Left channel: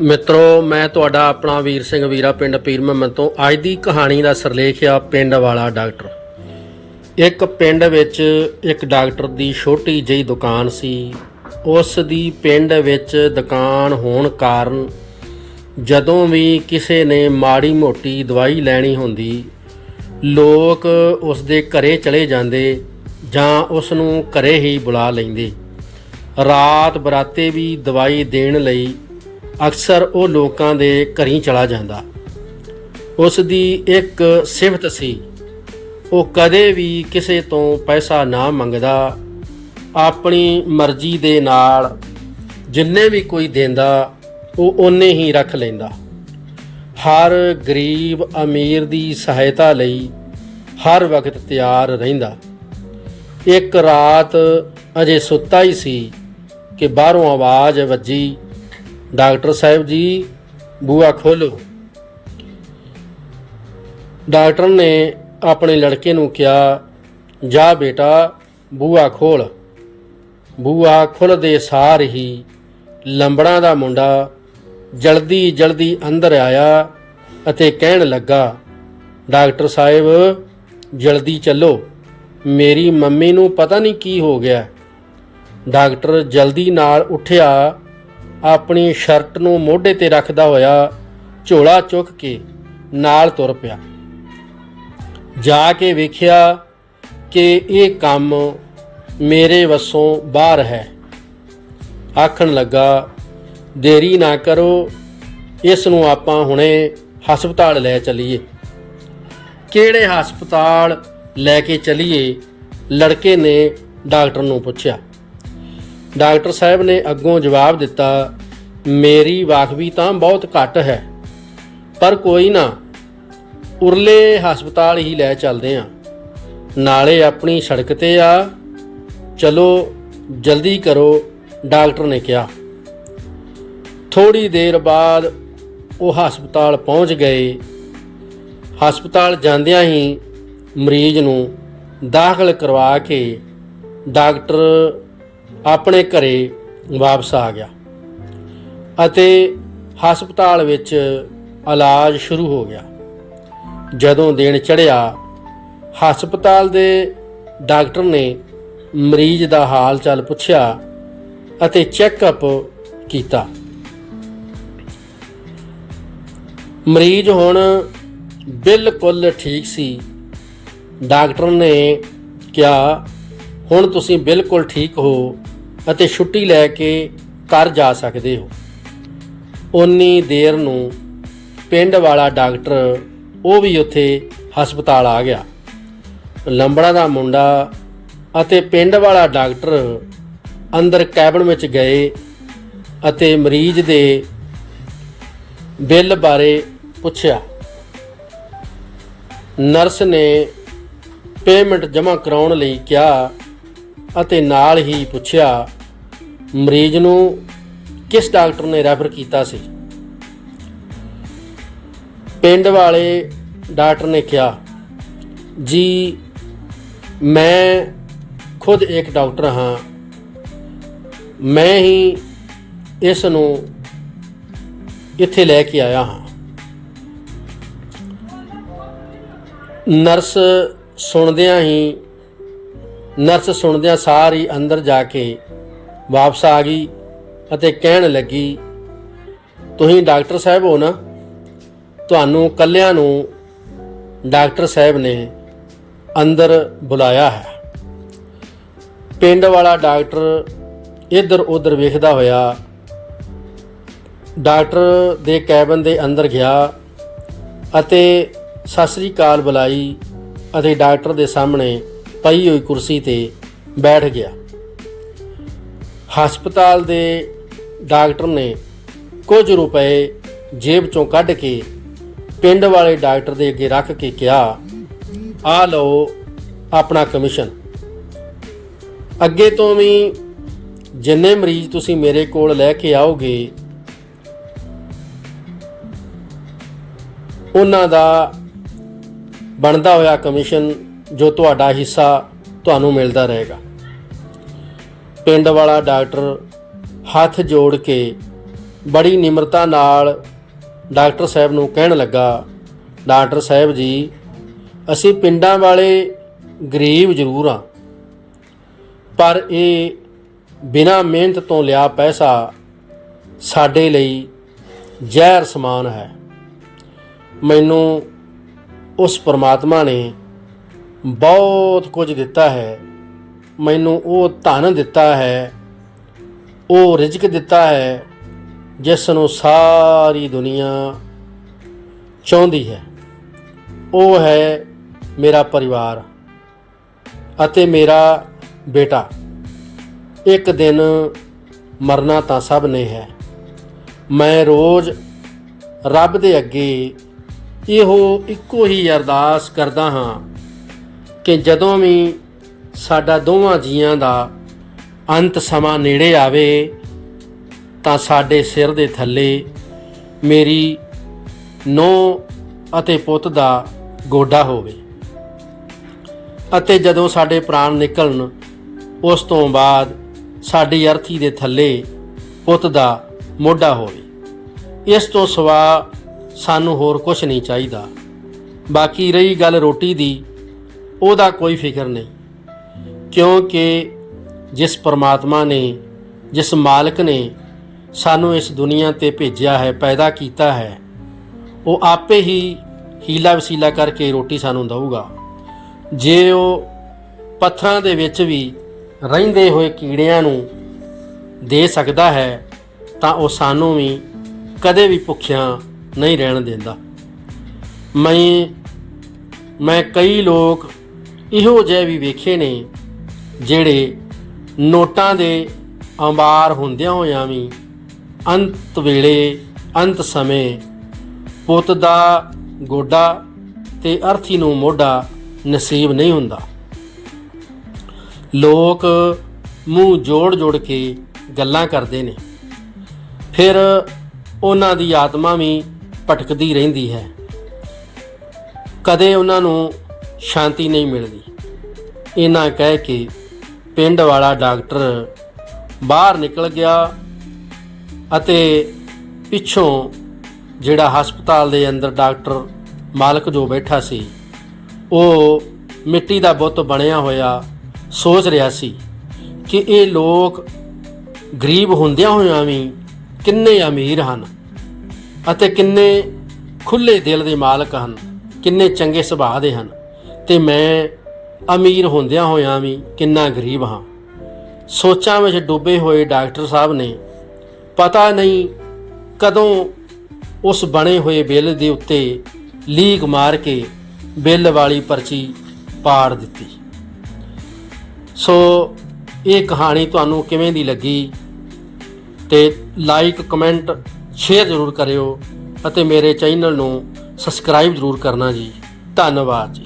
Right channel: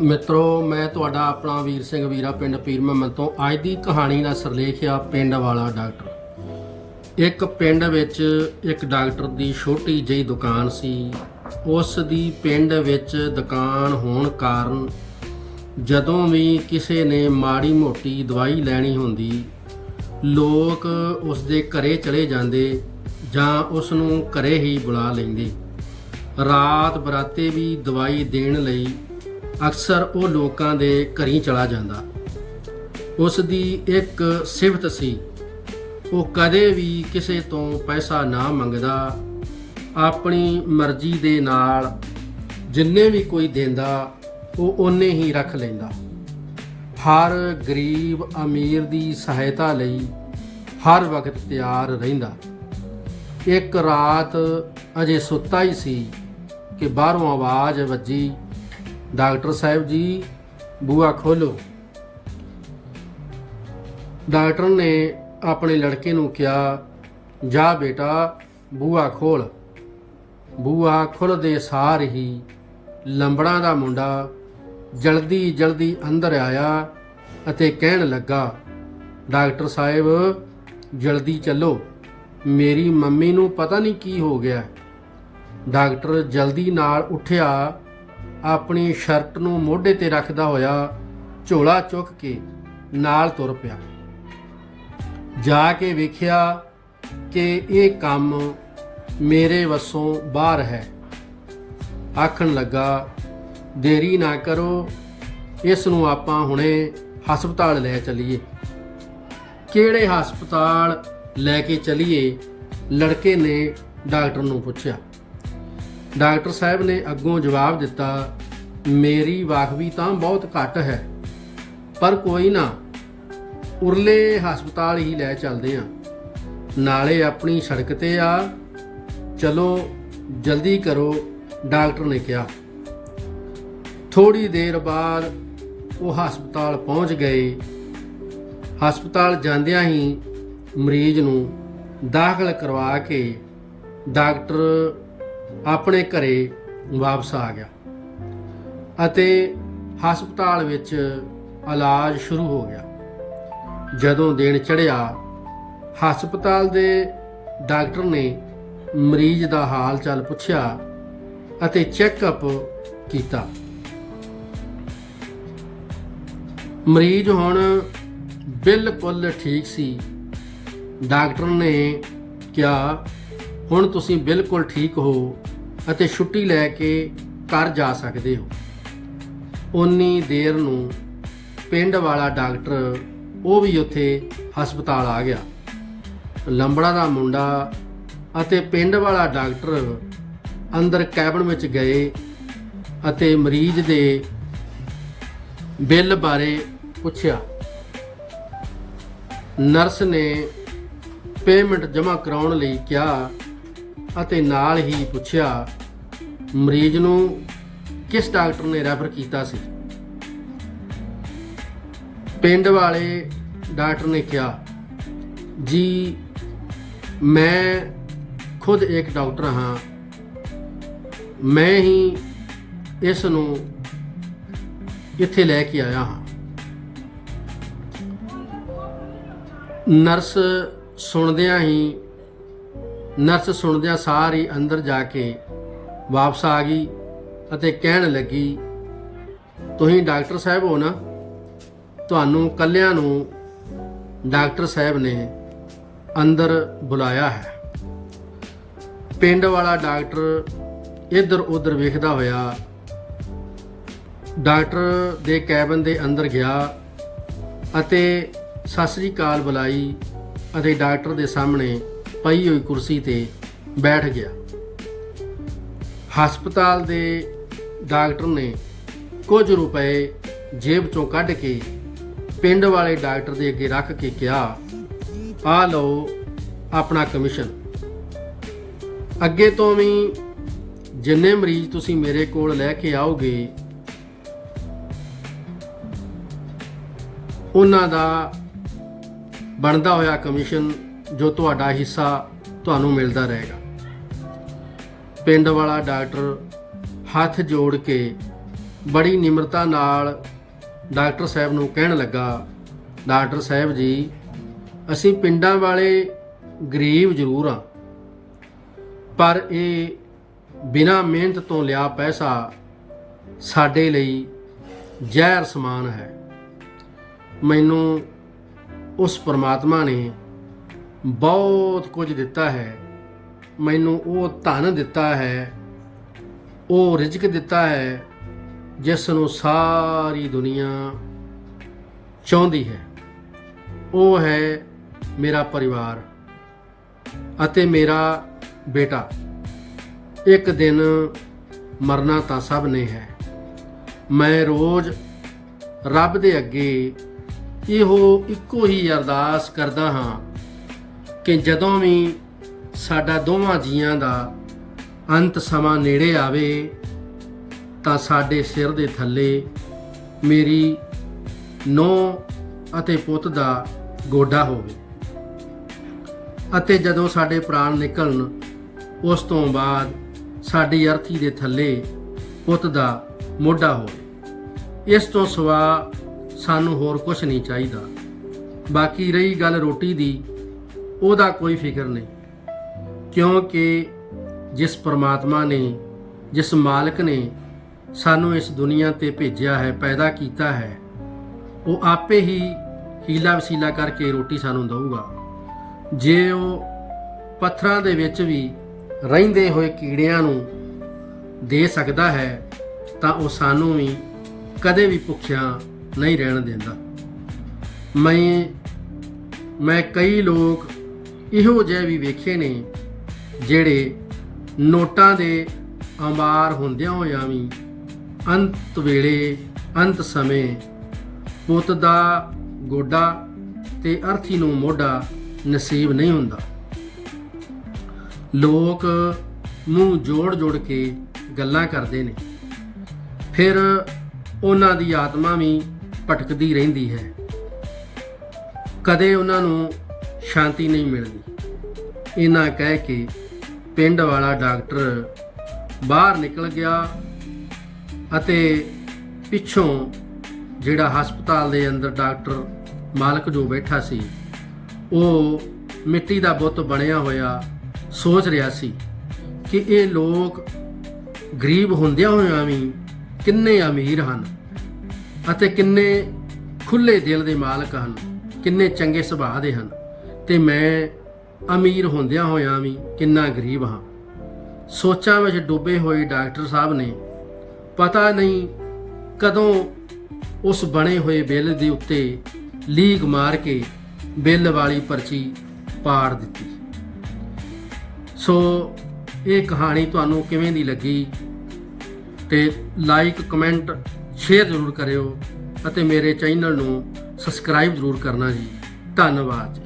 ਮਿੱਤਰੋ, ਮੈਂ ਤੁਹਾਡਾ ਆਪਣਾ ਵੀਰ ਸਿੰਘ ਵੀਰਾ ਪਿੰਡ ਪੀਰ ਮੁਹੰਮਦ ਤੋਂ ਅੱਜ ਦੀ ਕਹਾਣੀ ਦਾ ਸਿਰਲੇਖ ਆ ਪਿੰਡ ਵਾਲਾ ਡਾਕਟਰ। ਇੱਕ ਪਿੰਡ ਵਿੱਚ ਇੱਕ ਡਾਕਟਰ ਦੀ ਛੋਟੀ ਜਿਹੀ ਦੁਕਾਨ ਸੀ। ਉਸ ਦੀ ਪਿੰਡ ਵਿੱਚ ਦੁਕਾਨ ਹੋਣ ਕਾਰਨ ਜਦੋਂ ਵੀ ਕਿਸੇ ਨੇ ਮਾੜੀ ਮੋਟੀ ਦਵਾਈ ਲੈਣੀ ਹੁੰਦੀ, ਲੋਕ ਉਸ ਦੇ ਘਰੇ ਚਲੇ ਜਾਂਦੇ ਜਾਂ ਉਸ ਨੂੰ ਘਰੇ ਹੀ ਬੁਲਾ ਲੈਂਦੇ। ਰਾਤ ਬਰਾਤੇ ਵੀ ਦਵਾਈ ਦੇਣ ਲਈ ਅਕਸਰ ਉਹ ਲੋਕਾਂ ਦੇ ਘਰੀ ਚਲਾ ਜਾਂਦਾ। ਉਸ ਦੀ ਇੱਕ ਸਿਫਤ ਸੀ, ਉਹ ਕਦੇ ਵੀ ਕਿਸੇ ਤੋਂ ਪੈਸਾ ਨਾ ਮੰਗਦਾ, ਆਪਣੀ ਮਰਜ਼ੀ ਦੇ ਨਾਲ ਜਿੰਨੇ ਵੀ ਕੋਈ ਦਿੰਦਾ, ਉਹ ਉਹਨੇ ਹੀ ਰੱਖ ਲੈਂਦਾ। ਹਰ ਗਰੀਬ ਅਮੀਰ ਦੀ ਸਹਾਇਤਾ ਲਈ ਹਰ ਵਕਤ ਤਿਆਰ ਰਹਿੰਦਾ। ਇੱਕ ਰਾਤ ਅਜੇ ਸੁੱਤਾ ਹੀ ਸੀ ਕਿ ਬਾਹਰੋਂ ਆਵਾਜ਼ ਵੱਜੀ ਡਾਕਟਰ ਸਾਹਿਬ ਜੀ ਬੂਆ ਖੋਲੋ ਡਾਕਟਰ ਨੇ ਆਪਣੇ ਲੜਕੇ ਨੂੰ ਕਿਹਾ, ਜਾ ਬੇਟਾ ਬੂਆ ਖੋਲ ਬੂਆ ਖੁੱਲਦੇ ਸਾਰ ਹੀ ਲੰਬੜਾਂ ਦਾ ਮੁੰਡਾ ਜਲਦੀ ਜਲਦੀ ਅੰਦਰ ਆਇਆ ਅਤੇ ਕਹਿਣ ਲੱਗਾ, ਡਾਕਟਰ ਸਾਹਿਬ, ਜਲਦੀ ਚੱਲੋ। ਮੇਰੀ ਮੰਮੀ ਨੂੰ ਪਤਾ ਨਹੀਂ ਕੀ ਹੋ ਗਿਆ। ਡਾਕਟਰ ਜਲਦੀ ਨਾਲ ਉੱਠਿਆ ਆਪਣੀ ਸ਼ਰਟ ਨੂੰ ਮੋਢੇ ਤੇ ਰੱਖਦਾ ਹੋਇਆ ਝੋਲਾ ਚੁੱਕ ਕੇ ਨਾਲ ਤੁਰ ਪਿਆ। ਜਾ ਕੇ ਵੇਖਿਆ ਕਿ ਇਹ ਕੰਮ ਮੇਰੇ ਵੱਸੋਂ ਬਾਹਰ ਹੈ। ਆਖਣ ਲੱਗਾ, ਦੇਰੀ ਨਾ ਕਰੋ, ਇਸ ਨੂੰ ਆਪਾਂ ਹੁਣੇ ਹਸਪਤਾਲ ਲੈ ਚਲੀਏ। ਕਿਹੜੇ ਹਸਪਤਾਲ ਲੈ ਕੇ ਚਲੀਏ? ਲੜਕੇ ਨੇ ਡਾਕਟਰ ਨੂੰ ਪੁੱਛਿਆ। ਡਾਕਟਰ ਸਾਹਿਬ ਨੇ ਅੱਗੋਂ ਜਵਾਬ ਦਿੱਤਾ, ਮੇਰੀ ਵਾਕਫੀ ਤਾਂ ਬਹੁਤ ਘੱਟ ਹੈ, ਪਰ ਕੋਈ ਨਾ, ਉਰਲੇ ਹਸਪਤਾਲ ਹੀ ਲੈ ਚੱਲਦੇ ਆ। ਨਾਲੇ ਆਪਣੀ ਸੜਕ ਤੇ ਆ। ਚਲੋ, ਜਲਦੀ ਕਰੋ, ਡਾਕਟਰ ਨੇ ਕਿਹਾ। ਥੋੜੀ ਦੇਰ ਬਾਅਦ ਉਹ ਹਸਪਤਾਲ ਪਹੁੰਚ ਗਏ। ਹਸਪਤਾਲ ਜਾਂਦਿਆਂ ਹੀ ਮਰੀਜ਼ ਨੂੰ ਦਾਖਲ ਕਰਵਾ ਕੇ ਡਾਕਟਰ ਆਪਣੇ ਘਰੇ ਵਾਪਸ ਆ ਗਿਆ ਅਤੇ ਹਸਪਤਾਲ ਵਿੱਚ ਇਲਾਜ ਸ਼ੁਰੂ ਹੋ ਗਿਆ। ਜਦੋਂ ਦਿਨ ਚੜ੍ਹਿਆ, ਹਸਪਤਾਲ ਦੇ ਡਾਕਟਰ ਨੇ ਮਰੀਜ਼ ਦਾ ਹਾਲ ਚਾਲ ਪੁੱਛਿਆ ਅਤੇ ਚੈੱਕਅਪ ਕੀਤਾ। ਮਰੀਜ਼ ਹੁਣ ਬਿਲਕੁਲ ਠੀਕ ਸੀ। ਡਾਕਟਰ ਨੇ ਕਿਹਾ ਹੁਣ ਤੁਸੀਂ ਬਿਲਕੁਲ ਠੀਕ ਹੋ ਅਤੇ ਛੁੱਟੀ ਲੈ ਕੇ ਘਰ ਜਾ ਸਕਦੇ ਹੋ। ਉਨੀ ਦੇਰ ਨੂੰ ਪਿੰਡ ਵਾਲਾ ਡਾਕਟਰ, ਉਹ ਵੀ ਉੱਥੇ ਹਸਪਤਾਲ ਆ ਗਿਆ। ਲੰਬੜਾ ਦਾ ਮੁੰਡਾ ਅਤੇ ਪਿੰਡ ਵਾਲਾ ਡਾਕਟਰ ਅੰਦਰ ਕੈਬਨ ਵਿੱਚ ਗਏ ਅਤੇ ਮਰੀਜ਼ ਦੇ ਬਿੱਲ ਬਾਰੇ ਪੁੱਛਿਆ। ਨਰਸ ਨੇ ਪੇਮੈਂਟ ਜਮ੍ਹਾਂ ਕਰਾਉਣ ਲਈ ਕਿਹਾ ਅਤੇ ਨਾਲ ਹੀ ਪੁੱਛਿਆ, ਮਰੀਜ਼ ਨੂੰ ਕਿਸ ਡਾਕਟਰ ਨੇ ਰੈਫਰ ਕੀਤਾ ਸੀ? ਪਿੰਡ ਵਾਲੇ ਡਾਕਟਰ ਨੇ ਕਿਹਾ, ਜੀ, ਮੈਂ ਖੁਦ ਇੱਕ ਡਾਕਟਰ ਹਾਂ। ਮੈਂ ਹੀ ਇਸ ਨੂੰ ਇੱਥੇ ਲੈ ਕੇ ਆਇਆ ਹਾਂ। ਨਰਸ ਸੁਣਦਿਆਂ ਹੀ ਨਰਸ ਸੁਣਦਿਆਂ ਸਾਰੀ ਅੰਦਰ ਜਾ ਕੇ ਵਾਪਸ ਆ ਗਈ ਅਤੇ ਕਹਿਣ ਲੱਗੀ, ਤੁਸੀਂ ਡਾਕਟਰ ਸਾਹਿਬ ਹੋ ਨਾ? ਤੁਹਾਨੂੰ ਕੱਲਿਆਂ ਨੂੰ ਡਾਕਟਰ ਸਾਹਿਬ ਨੇ ਅੰਦਰ ਬੁਲਾਇਆ ਹੈ। ਪਿੰਡ ਵਾਲਾ ਡਾਕਟਰ ਇੱਧਰ ਉੱਧਰ ਵੇਖਦਾ ਹੋਇਆ ਡਾਕਟਰ ਦੇ ਕੈਬਨ ਦੇ ਅੰਦਰ ਗਿਆ ਅਤੇ ਸਤਿ ਸ੍ਰੀ ਅਕਾਲ ਬੁਲਾਈ ਅਤੇ ਡਾਕਟਰ ਦੇ ਸਾਹਮਣੇ ਪਈ ਹੋਈ ਕੁਰਸੀ ਤੇ ਬੈਠ ਗਿਆ। ਹਸਪਤਾਲ ਦੇ ਡਾਕਟਰ ਨੇ ਕੁਝ ਰੁਪਏ ਜੇਬ ਚੋਂ ਕੱਢ ਕੇ ਪਿੰਡ ਵਾਲੇ ਡਾਕਟਰ ਦੇ ਅੱਗੇ ਰੱਖ ਕੇ ਕਿਹਾ, ਆ ਲਓ ਆਪਣਾ ਕਮਿਸ਼ਨ। ਅੱਗੇ ਤੋਂ ਵੀ ਜਿੰਨੇ ਮਰੀਜ਼ ਤੁਸੀਂ ਮੇਰੇ ਕੋਲ ਲੈ ਕੇ ਆਓਗੇ, ਉਹਨਾਂ ਦਾ ਬਣਦਾ ਹੋਇਆ ਕਮਿਸ਼ਨ ਜੋ ਤੁਹਾਡਾ ਹਿੱਸਾ ਤੁਹਾਨੂੰ ਮਿਲਦਾ ਰਹੇਗਾ। ਪਿੰਡ ਵਾਲਾ ਡਾਕਟਰ ਹੱਥ ਜੋੜ ਕੇ ਬੜੀ ਨਿਮਰਤਾ ਨਾਲ ਡਾਕਟਰ ਸਾਹਿਬ ਨੂੰ ਕਹਿਣ ਲੱਗਾ, ਡਾਕਟਰ ਸਾਹਿਬ ਜੀ, ਅਸੀਂ ਪਿੰਡਾਂ ਵਾਲੇ ਗਰੀਬ ਜ਼ਰੂਰ ਆ ਪਰ ਇਹ ਬਿਨਾਂ ਮਿਹਨਤ ਤੋਂ ਲਿਆ ਪੈਸਾ ਸਾਡੇ ਲਈ ਜ਼ਹਿਰ ਸਮਾਨ ਹੈ। ਮੈਨੂੰ ਉਸ ਪਰਮਾਤਮਾ ਨੇ ਬਹੁਤ ਕੁਝ ਦਿੱਤਾ ਹੈ। ਮੈਨੂੰ ਉਹ ਧਨ ਦਿੱਤਾ ਹੈ। ਉਹ ਰਿਜ਼ਕ ਦਿੱਤਾ ਹੈ ਜਿਸ ਨੂੰ ਸਾਰੀ ਦੁਨੀਆ ਚਾਹੁੰਦੀ ਹੈ। ਉਹ ਹੈ ਮੇਰਾ ਪਰਿਵਾਰ ਅਤੇ ਮੇਰਾ ਬੇਟਾ। ਇੱਕ ਦਿਨ ਮਰਨਾ ਤਾਂ ਸਭ ਨੇ ਹੈ। ਮੈਂ ਰੋਜ਼ ਰੱਬ ਦੇ ਅੱਗੇ ਇਹੋ ਇੱਕੋ ਹੀ ਅਰਦਾਸ ਕਰਦਾ ਹਾਂ ਕਿ ਜਦੋਂ ਵੀ ਸਾਡਾ ਦੋਵਾਂ ਜੀਆਂ ਦਾ ਅੰਤ ਸਮਾਂ ਨੇੜੇ ਆਵੇ, ਤਾਂ ਸਾਡੇ ਸਿਰ ਦੇ ਥੱਲੇ ਮੇਰੀ ਨੋ ਅਤੇ ਪੁੱਤ ਦਾ ਗੋਡਾ ਹੋਵੇ। ਅਤੇ ਜਦੋਂ ਸਾਡੇ ਪ੍ਰਾਣ ਨਿਕਲਣ, ਉਸ ਤੋਂ ਬਾਅਦ ਸਾਡੀ ਅਰਥੀ ਦੇ ਥੱਲੇ ਪੁੱਤ ਦਾ ਮੋਢਾ ਹੋਵੇ। ਇਸ ਤੋਂ ਸਿਵਾ ਸਾਨੂੰ ਹੋਰ ਕੁਝ ਨਹੀਂ ਚਾਹੀਦਾ। ਬਾਕੀ ਰਹੀ ਗੱਲ ਰੋਟੀ ਦੀ ਉਹਦਾ ਕੋਈ ਫਿਕਰ ਨਹੀਂ। ਕਿਉਂਕਿ ਜਿਸ ਪਰਮਾਤਮਾ ਨੇ, ਜਿਸ ਮਾਲਕ ਨੇ ਸਾਨੂੰ ਇਸ ਦੁਨੀਆ ਤੇ ਭੇਜਿਆ ਹੈ, ਪੈਦਾ ਕੀਤਾ ਹੈ, ਉਹ ਆਪੇ ਹੀ ਹੀਲਾ ਵਸੀਲਾ ਕਰਕੇ ਰੋਟੀ ਸਾਨੂੰ ਦਊਗਾ। ਜੇ ਉਹ ਪੱਥਰਾਂ ਦੇ ਵਿੱਚ ਵੀ ਰਹਿੰਦੇ ਹੋਏ ਕੀੜਿਆਂ ਨੂੰ ਦੇ ਸਕਦਾ ਹੈ, ਤਾਂ ਉਹ ਸਾਨੂੰ ਵੀ ਕਦੇ ਵੀ ਭੁੱਖਿਆਂ ਨਹੀਂ ਰਹਿਣ ਦਿੰਦਾ। ਮੈਂ ਮੈਂ ਕਈ ਲੋਕ ਇਹੋ ਜਿਹੇ ਵੀ ਵੇਖੇ ਨੇ ਜਿਹੜੇ ਨੋਟਾਂ ਦੇ ਅੰਬਾਰ ਹੁੰਦਿਆਂ ਹੋਇਆਂ ਵੀ ਅੰਤ ਵੇਲੇ, ਅੰਤ ਸਮੇਂ ਪੁੱਤ ਦਾ ਗੋਡਾ ਤੇ ਅਰਥੀ ਨੂੰ ਮੋਢਾ ਨਸੀਬ ਨਹੀਂ ਹੁੰਦਾ। ਲੋਕ ਮੂੰਹ ਜੋੜ ਜੋੜ ਕੇ ਗੱਲਾਂ ਕਰਦੇ ਨੇ। ਫਿਰ ਉਹਨਾਂ ਦੀ ਆਤਮਾ ਵੀ ਭਟਕਦੀ ਰਹਿੰਦੀ ਹੈ। ਕਦੇ ਉਹਨਾਂ ਨੂੰ ਸ਼ਾਂਤੀ ਨਹੀਂ ਮਿਲਦੀ। ਇਹਨਾਂ ਕਹਿ ਕੇ ਪਿੰਡ ਵਾਲਾ ਡਾਕਟਰ ਬਾਹਰ ਨਿਕਲ ਗਿਆ ਅਤੇ ਪਿੱਛੋਂ ਜਿਹੜਾ ਹਸਪਤਾਲ ਦੇ ਅੰਦਰ ਡਾਕਟਰ ਮਾਲਕ ਜੋ ਬੈਠਾ ਸੀ, ਉਹ ਮਿੱਟੀ ਦਾ ਬੁੱਤ ਬਣਿਆ ਹੋਇਆ ਸੋਚ ਰਿਹਾ ਸੀ ਕਿ ਇਹ ਲੋਕ ਗਰੀਬ ਹੁੰਦਿਆਂ ਹੋਇਆਂ ਵੀ ਕਿੰਨੇ ਅਮੀਰ ਹਨ ਅਤੇ ਕਿੰਨੇ ਖੁੱਲੇ ਦਿਲ ਦੇ ਮਾਲਕ ਹਨ, ਕਿੰਨੇ ਚੰਗੇ ਸੁਭਾਅ ਦੇ ਹਨ। ਤੇ ਮੈਂ ਅਮੀਰ ਹੁੰਦਿਆਂ ਹੋਇਆਂ ਵੀ ਕਿੰਨਾ ਗਰੀਬ ਹਾਂ। ਸੋਚਾਂ ਵਿੱਚ ਡੁੱਬੇ ਹੋਏ ਡਾਕਟਰ ਸਾਹਿਬ ਨੇ ਪਤਾ ਨਹੀਂ ਕਦੋਂ ਉਸ ਬਣੇ ਹੋਏ ਬਿੱਲ ਦੇ ਉੱਤੇ ਲੀਕ ਮਾਰ ਕੇ ਬਿੱਲ ਵਾਲੀ ਪਰਚੀ ਪਾੜ ਦਿੱਤੀ। ਸੋ ਇਹ ਕਹਾਣੀ ਤੁਹਾਨੂੰ ਕਿਵੇਂ ਦੀ ਲੱਗੀ ਤੇ ਲਾਈਕ ਕਮੈਂਟ ਸ਼ੇਅਰ ਜ਼ਰੂਰ ਕਰਿਓ ਅਤੇ ਮੇਰੇ ਚੈਨਲ ਨੂੰ ਸਬਸਕ੍ਰਾਈਬ ਜ਼ਰੂਰ ਕਰਨਾ ਜੀ। ਧੰਨਵਾਦ ਜੀ।